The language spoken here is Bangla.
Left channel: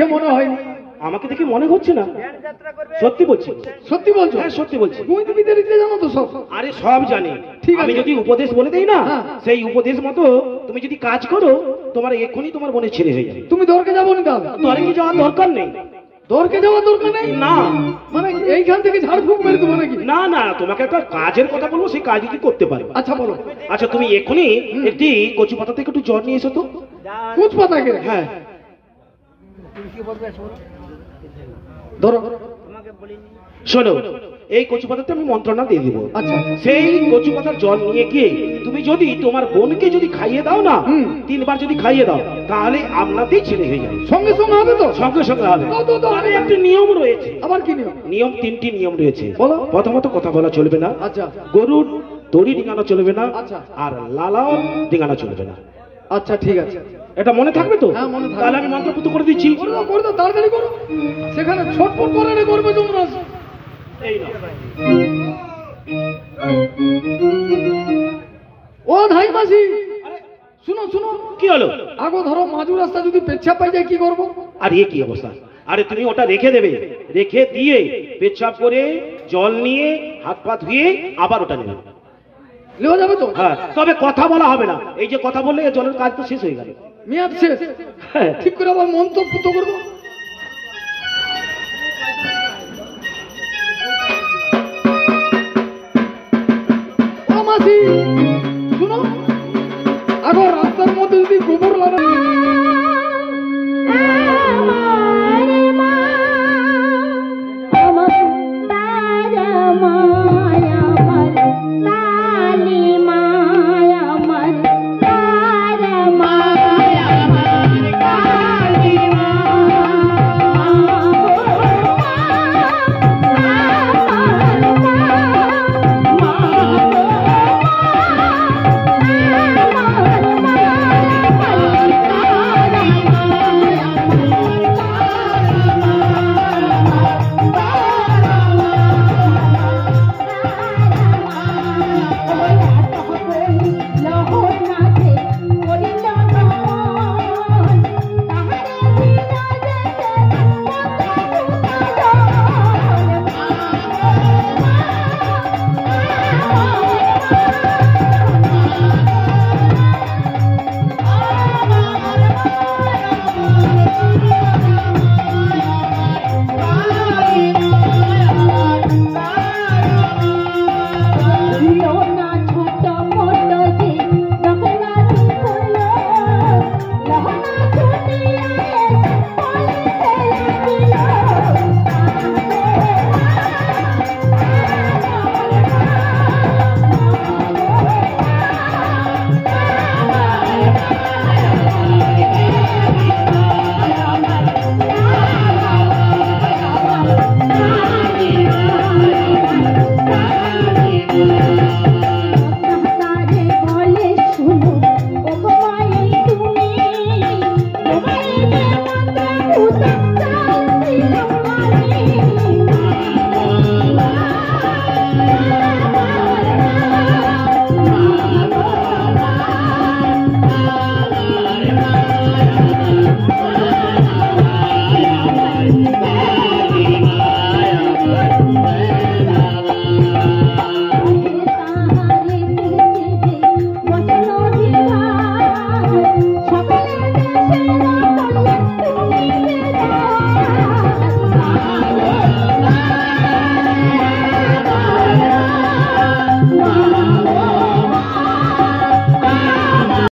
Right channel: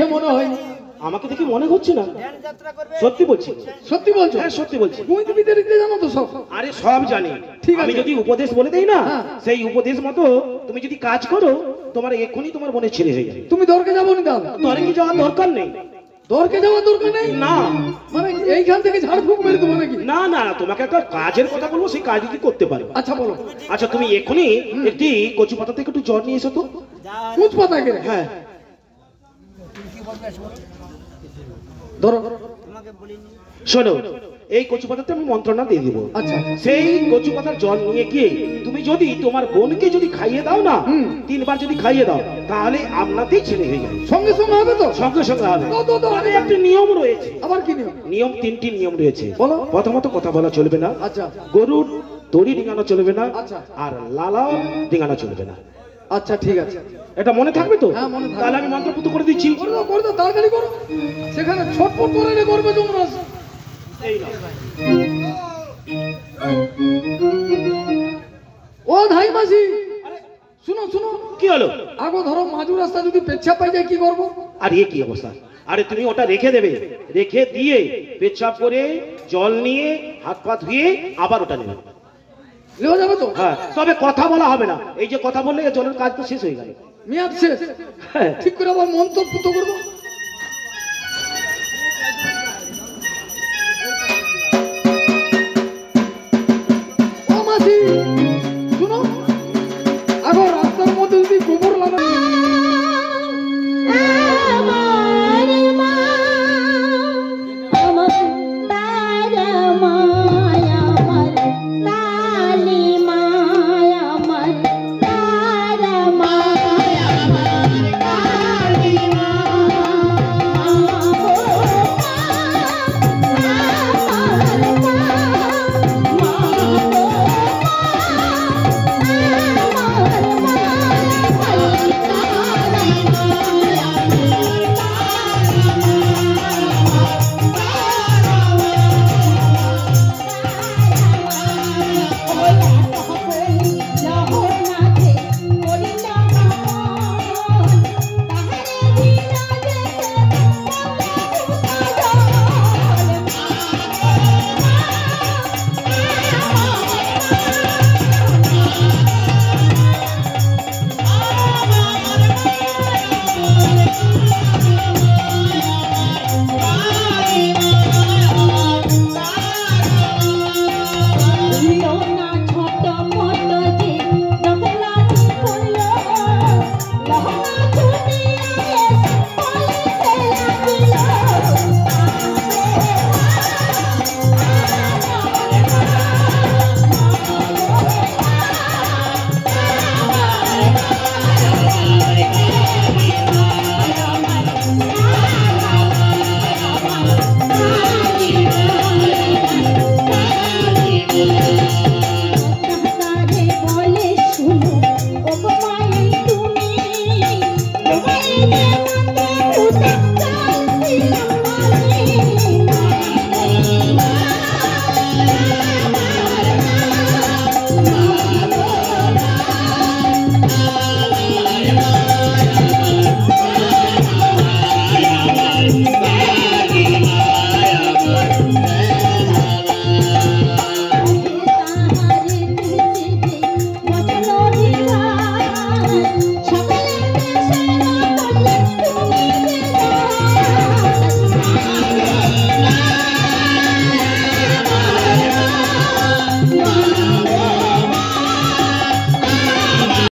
মনে হয়নি। আমাকে দেখে মনে হচ্ছে না। সত্যি বলছি। সত্যি বলছো? হ্যাঁ সত্যি বলছি। তুমি দেখতে জানো তো সব? আরে সব জানি। ঠিক আমি আছে। যদি উপদেশ বলে দেই না, হ্যাঁ। সেই উপদেশ মতো তুমি যদি কাজ করো, তোমার এক্ষুনি তোমার মনে ছেড়ে হয়ে যাবে। তুমি দরকে যাবো না দাদা? তোর কি যাওয়ার দরকার নেই। দরকে যাওয়ার দরকার নেই? না মানে এইখান থেকে ঝাড়ফুঁক মেরে দেবো নাকি? না না, তোমাকে একটা কাজের কথা বলবো, সেই কাজ কি করতে পারো। আচ্ছা বলো। আচ্ছা তুমি এক্ষুনি একটি কচু পাতা থেকে একটু জল নিয়ে এসো তো। কুচ পাতাকে? হ্যাঁ ধরো। শোনো, এই কচু পাতাতে আমি মন্ত্রণা দিয়ে দিব। আচ্ছা। সেই কচু পাতার জল নিয়ে গিয়ে তুমি যদি তোমার বোনকে যদি খাইয়ে দাও না, 3 বার যদি খাইয়ে দাও, তাহলে আপনাতেই ছেলে হয়ে যাবে। সঙ্গে সঙ্গে হবে তো? সঙ্গে সঙ্গে হবে। তো তবে একটি নিয়ম রয়েছে। আবার কি নিয়ম? নিয়ম 3টি নিয়ম রয়েছে। বলো। প্রথমত কথা বলা চলবে না। আচ্ছা। গরুর দড়ি ডিঙানো চলবে না। আচ্ছা। আর লালা ডিঙানো চলবে না। আচ্ছা ঠিক আছে। এটা মনে থাকবে তো? হ্যাঁ, মনে থাকবে। তাহলে আমি মন্ত্রপুত করে দিচ্ছি। করে দাও তাড়াতাড়ি করো। সেখানে ছটফট করে করবে তোমরা। এই না। ও ধাই মাসি, শুনো শুনো। কি হলো? আগো ধরো মাঝু রাস্তা যদি পেচ্ছাপ পাই যায় কি করবো? আর এ কি অবস্থা? আরে তুমি ওটা রেখে দেবে, রেখে দিয়ে পেচ্ছাপ করে জল নিয়ে হাত পা ধুয়ে আবার ওটা নেবে। নেওয়া যাবে তো? হ্যাঁ, তবে কথা বলা হবে না। এই যে কথা বললে জলের কাজ তো শেষ হয়ে গেল। মেয়াদ শেষ। হ্যাঁ। ঠিক করে আবার মন্তব্য করবো। ও মাসি